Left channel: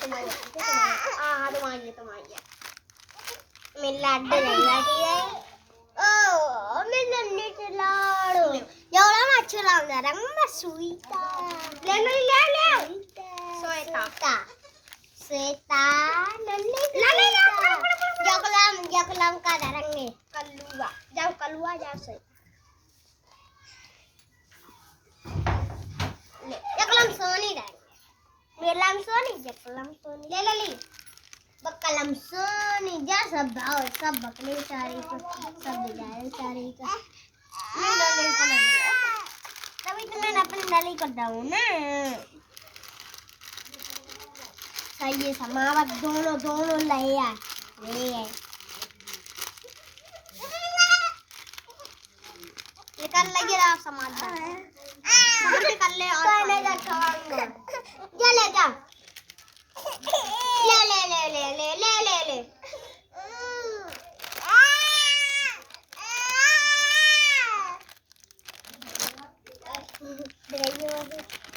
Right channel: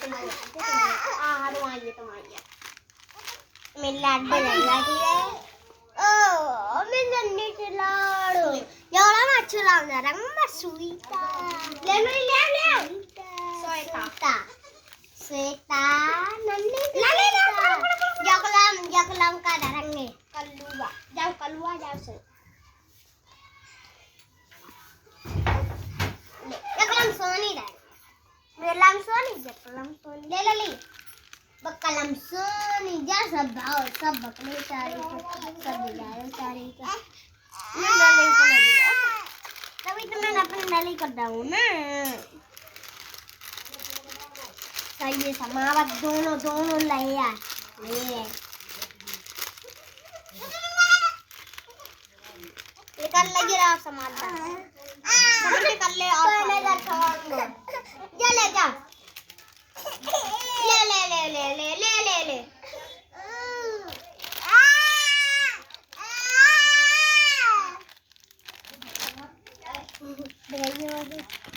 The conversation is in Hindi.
तुम्हारी मेरे लाडू रहेगा ठीक है ओ मैं नन्हे लाडू एवढा मच्छर लावणार मग सुईता ले ले ले श्वेता श्वेता नन्हे जगलाम का रंगे कलुआ जाओ श्वेता ले जगलाम सोनी रंग मेलाम सोनी जगलाम सोनी ले ले ले बकलम सोनी जा सब भाव सब बकले चारी सब बिलायो चारी का तभी तो मैं अपनी नाली कर दूँ ना सही है समावत दोनों ले कर लगे आप समाज समझ कर ले और जा ले जा ले ले